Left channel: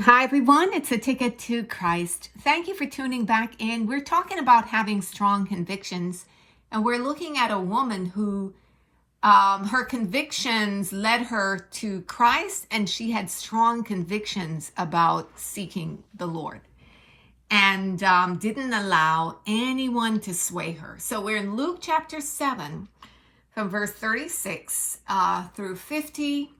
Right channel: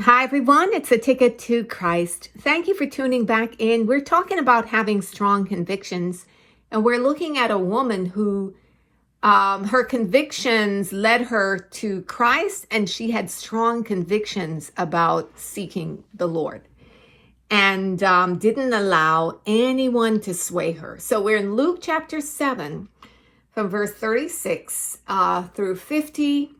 Hi, everyone. It's A Ticket to Christ. Thank you for tuning back in. We're talking about having strong convictions, and we're looking at a woman who her convictions led her to Christ, and she had strong convictions about seeking the Lord and didn't allow anyone to sway her. So we're in Luke chapter 7 from verse 36 through 50.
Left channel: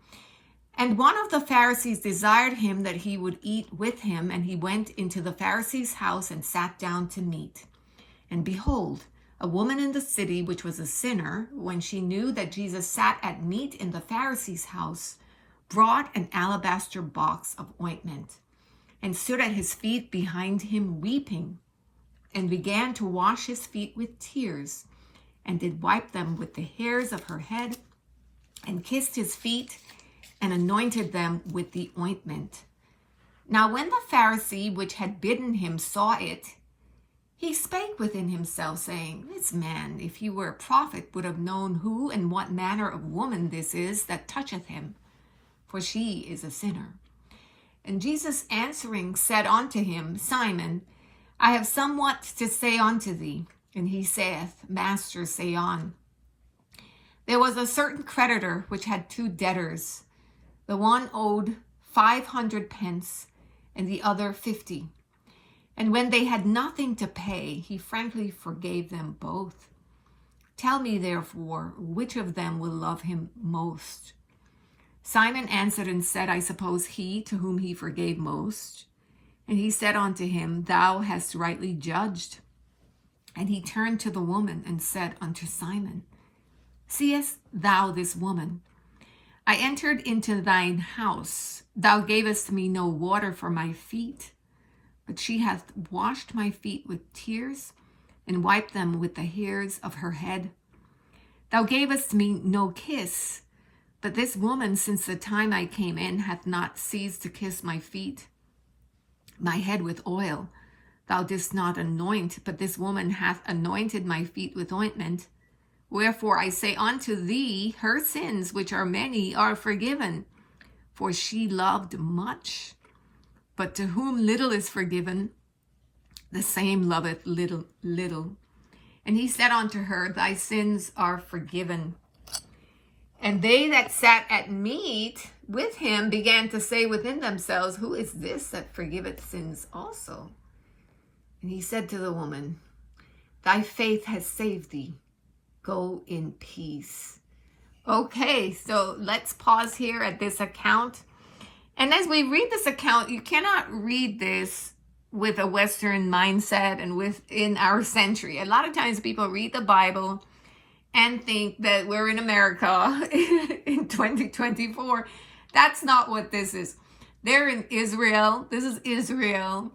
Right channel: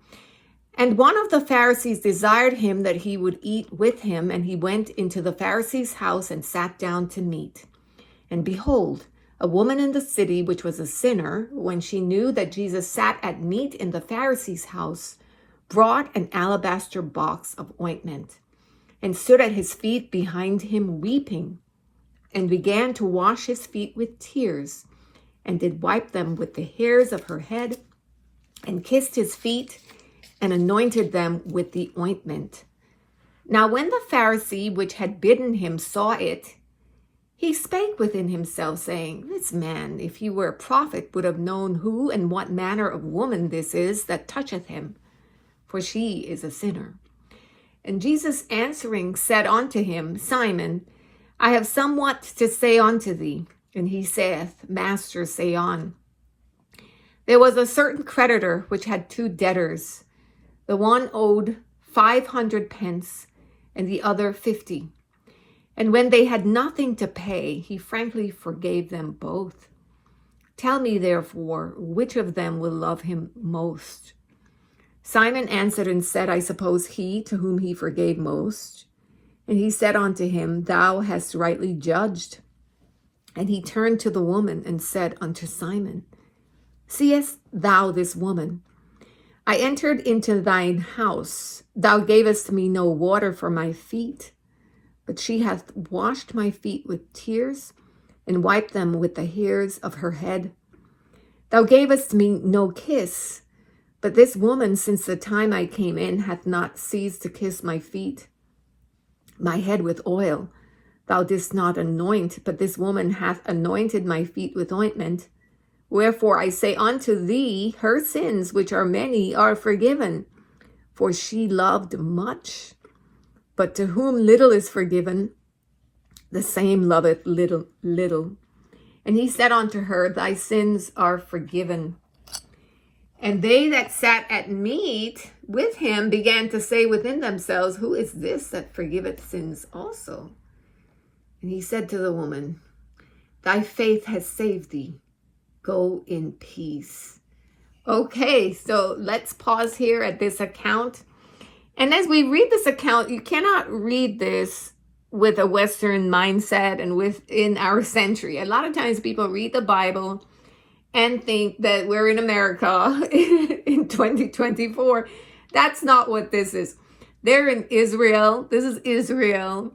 And one of the Pharisees desired him that he would eat with him, and he went into the Pharisee's house and sat down to meat. And behold, a woman in the city, which was a sinner, when she knew that Jesus sat at meat in the Pharisee's house, brought an alabaster box of ointment, and stood at his feet behind him weeping, and began to wash his feet with tears, and did wipe them with the hairs of her head, and kissed his feet, and anointed them with the ointment. Now when the Pharisee which had bidden him saw it, he spake within himself, saying, This man, if he were a prophet, would have known who and what manner of woman this is that toucheth him, for she is a sinner. And Jesus answering said unto him, Simon, I have somewhat to say unto thee. And he saith, Master, say on. There was a certain creditor which had two debtors. The one owed 500 pence, and the other 50. And when they had nothing to pay, he frankly forgave them both. Tell me, therefore, which of them will love him most? Simon answered and said, I suppose he to whom he forgave most. And he said unto him, Thou hast rightly judged. And he turned to the woman and said unto Simon, Seest thou this woman? I entered into thine house. Thou gavest me no water for my feet, but she hath washed my feet with tears and wiped them with the hairs of her head. Thou gavest me no kiss, but this woman, since the time I came in, hath not ceased to kiss my feet, my head with oil. Thou didst not anoint, but this woman hath anointed my feet with ointment. Wherefore I say unto thee, her sins, which are many, are forgiven, for she loved much. But to whom little is forgiven, the same loveth little. And he said unto her, Thy sins are forgiven. And they that sat at meat with him began to say within themselves, Who is this that forgiveth sins also? And he said to the woman, Thy faith has saved thee. Go in peace. Okay, so let's pause here at this account. And as we read this account, you cannot read this with a Western mindset and within our century. A lot of times people read the Bible and think that we're in America in 2024. That's not what this is. They're in Israel. This is Israel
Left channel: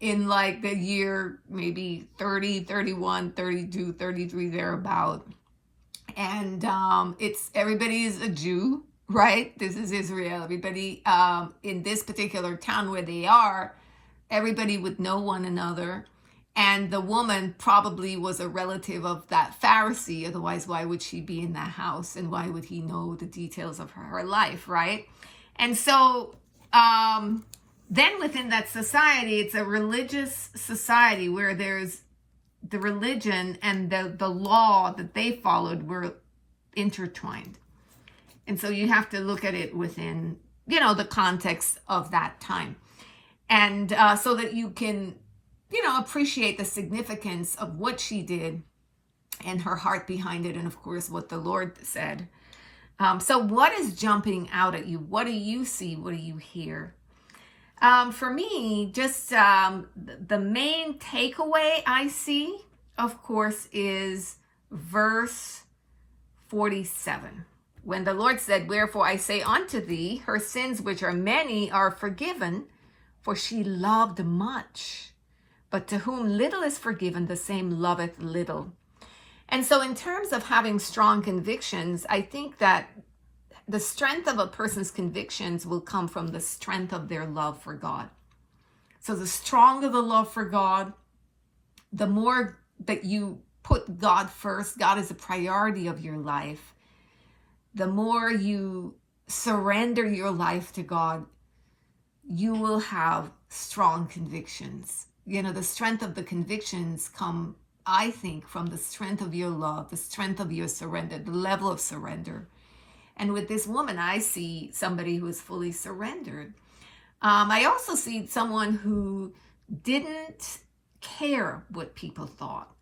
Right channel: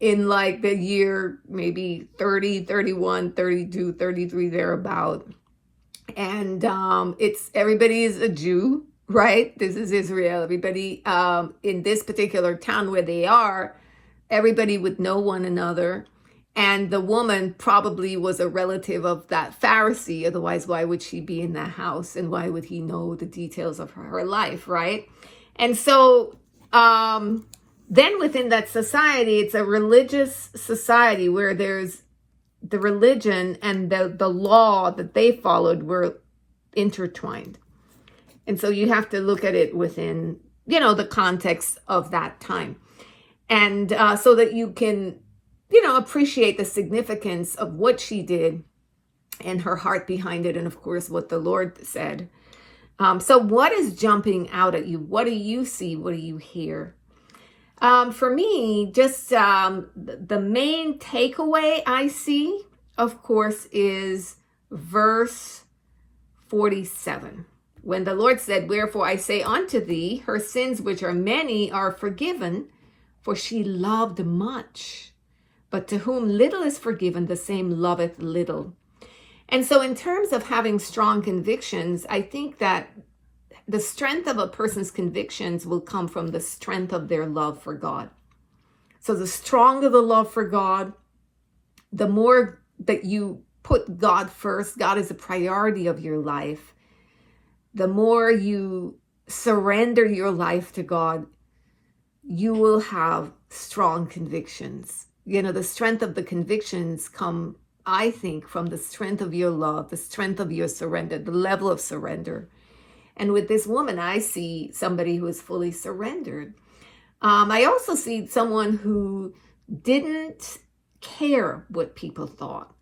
in like the year maybe 30, 31, 32, 33, thereabout. And everybody is a Jew, right? This is Israel. Everybody in this particular town where they are, everybody would know one another. And the woman probably was a relative of that Pharisee. Otherwise, why would she be in that house? And why would he know the details of her life, right? And so then within that society, it's a religious society where there's the religion and the law that they followed were intertwined. And so you have to look at it within, the context of that time. And so that you can, appreciate the significance of what she did and her heart behind it. And of course, what the Lord said. So what is jumping out at you? What do you see? What do you hear? For me, just the main takeaway I see, of course, is verse 47. When the Lord said, Wherefore I say unto thee, her sins which are many are forgiven, for she loved much. But to whom little is forgiven, the same loveth little. And so in terms of having strong convictions, I think that the strength of a person's convictions will come from the strength of their love for God. So the stronger the love for God, the more that you put God first, God is a priority of your life, the more you surrender your life to God, you will have strong convictions. You know, the strength of the convictions come, I think, from the strength of your love, the strength of your surrender, the level of surrender. And with this woman, I see somebody who is fully surrendered. I also see someone who didn't care what people thought.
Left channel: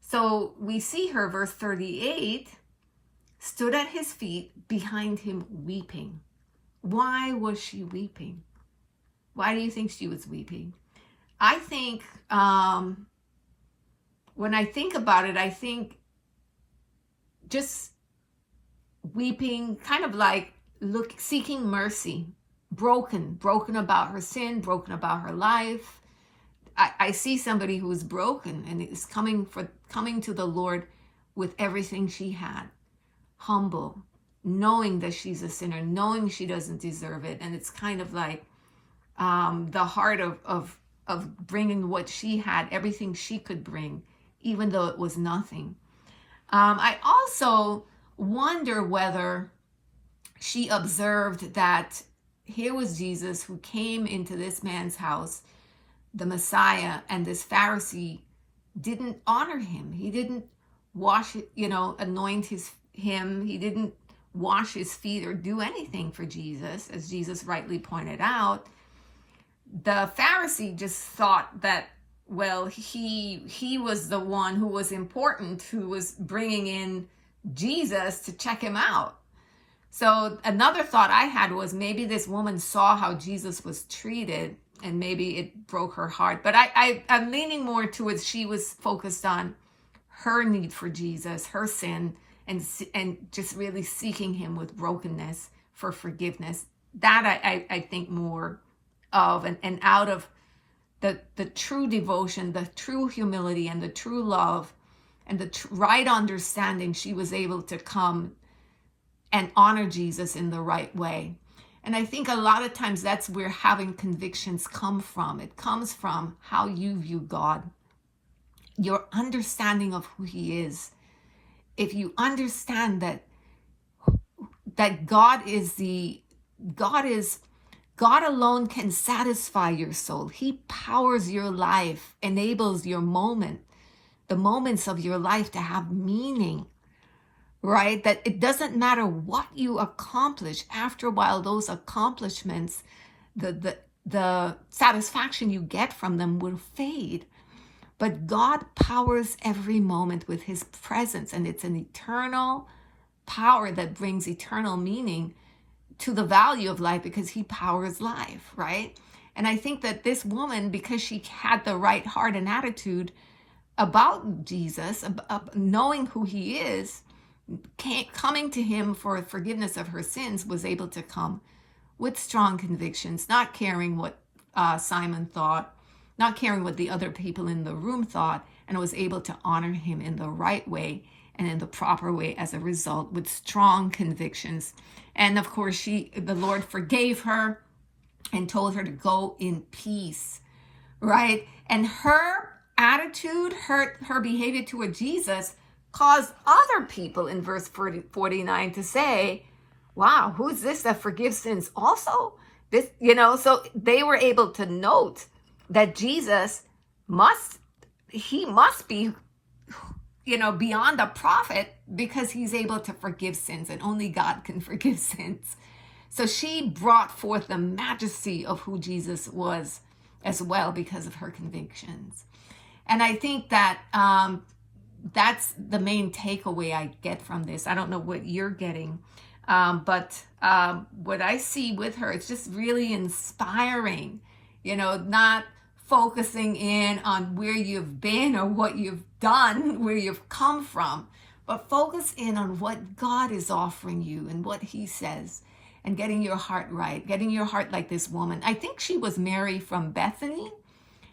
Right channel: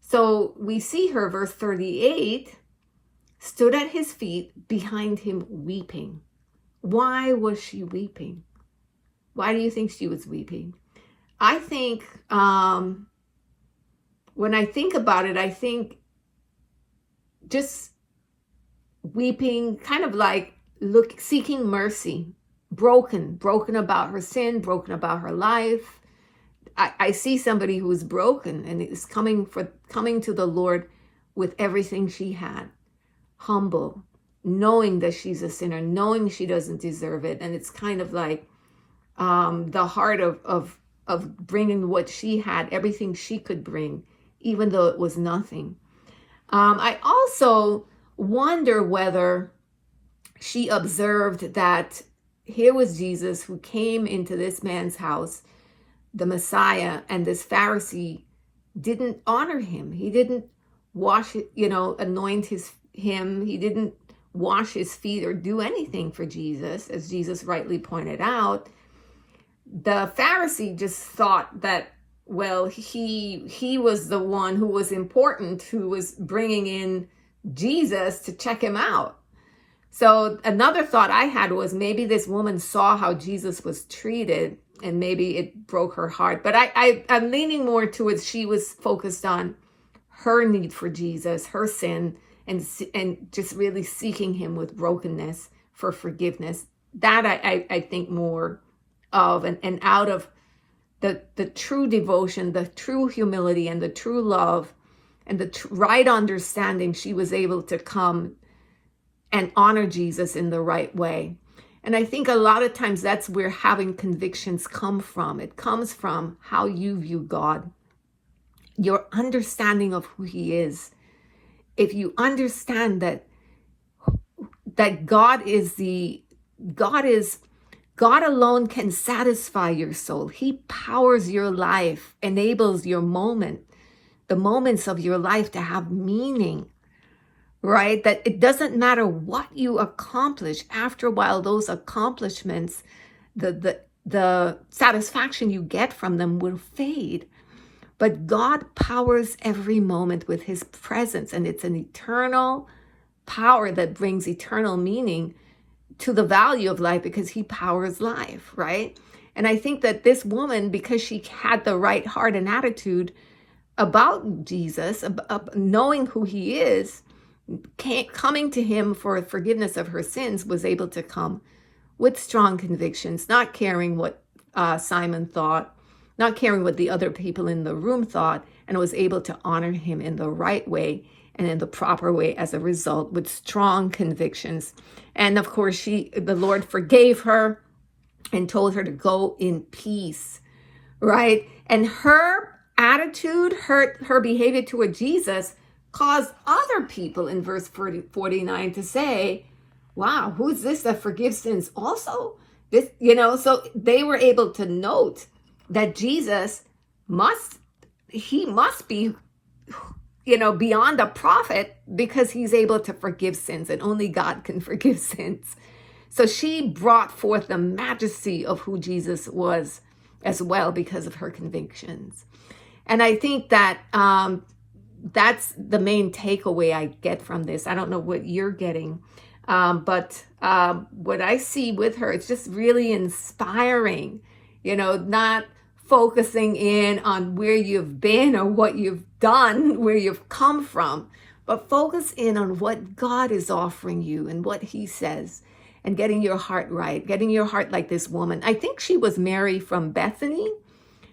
So we see her, verse 38, stood at his feet behind him weeping. Why was she weeping? Why do you think she was weeping? I think, when I think about it, I think just weeping, kind of like seeking mercy, broken about her sin, broken about her life. I see somebody who is broken and is coming to the Lord with everything she had, humble, knowing that she's a sinner, knowing she doesn't deserve it. And it's kind of like the heart of bringing what she had, everything she could bring, even though it was nothing. I also wonder whether she observed that here was Jesus who came into this man's house, the Messiah, and this Pharisee didn't honor him. He didn't wash it, anoint him. He didn't wash his feet or do anything for Jesus, as Jesus rightly pointed out. The Pharisee just thought that, well, he was the one who was important, who was bringing in Jesus to check him out. So another thought I had was maybe this woman saw how Jesus was treated and maybe it broke her heart. But I'm leaning more towards she was focused on her need for Jesus, her sin, and just really seeking him with brokenness for forgiveness. That I think more of, and out of the true devotion, the true humility, and the true love, and the right understanding, she was able to come and honor Jesus in the right way. And I think a lot of times that's where having convictions come from. It comes from how you view God, your understanding of who he is. If you understand that God alone can satisfy your soul. He powers your life, enables the moments of your life to have meaning, right? That it doesn't matter what you accomplish. After a while, those accomplishments, the satisfaction you get from them will fade. But God powers every moment with his presence, and it's an eternal power that brings eternal meaning to the value of life because he powers life, right? And I think that this woman, because she had the right heart and attitude about Jesus, knowing who he is, coming to him for forgiveness of her sins, was able to come with strong convictions, not caring what Simon thought, not caring what the other people in the room thought, and was able to honor him in the right way and in the proper way as a result, with strong convictions. And of course, the Lord forgave her and told her to go in peace, right? And her attitude, her behavior toward Jesus caused other people in verse 49 to say, wow, who's this that forgives sins also? So they were able to note that Jesus must be, beyond a prophet, because he's able to forgive sins, and only God can forgive sins. So she brought forth the majesty of who Jesus was as well because of her convictions. And I think that that's the main takeaway I get from this. I don't know what you're getting, but what I see with her, it's just really inspiring, not focusing in on where you've been or what you've done, where you've come from, but focus in on what God is offering you and what he says, and getting your heart right, getting your heart like this woman. I think she was Mary from Bethany.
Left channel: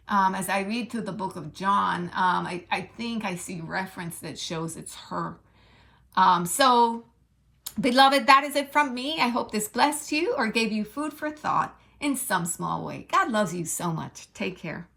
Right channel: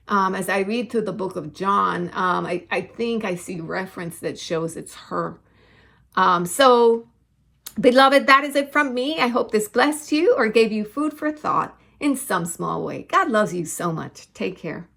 As I read through the book of John, I think I see reference that shows it's her. So, beloved, that is it from me. I hope this blessed you or gave you food for thought in some small way. God loves you so much. Take care.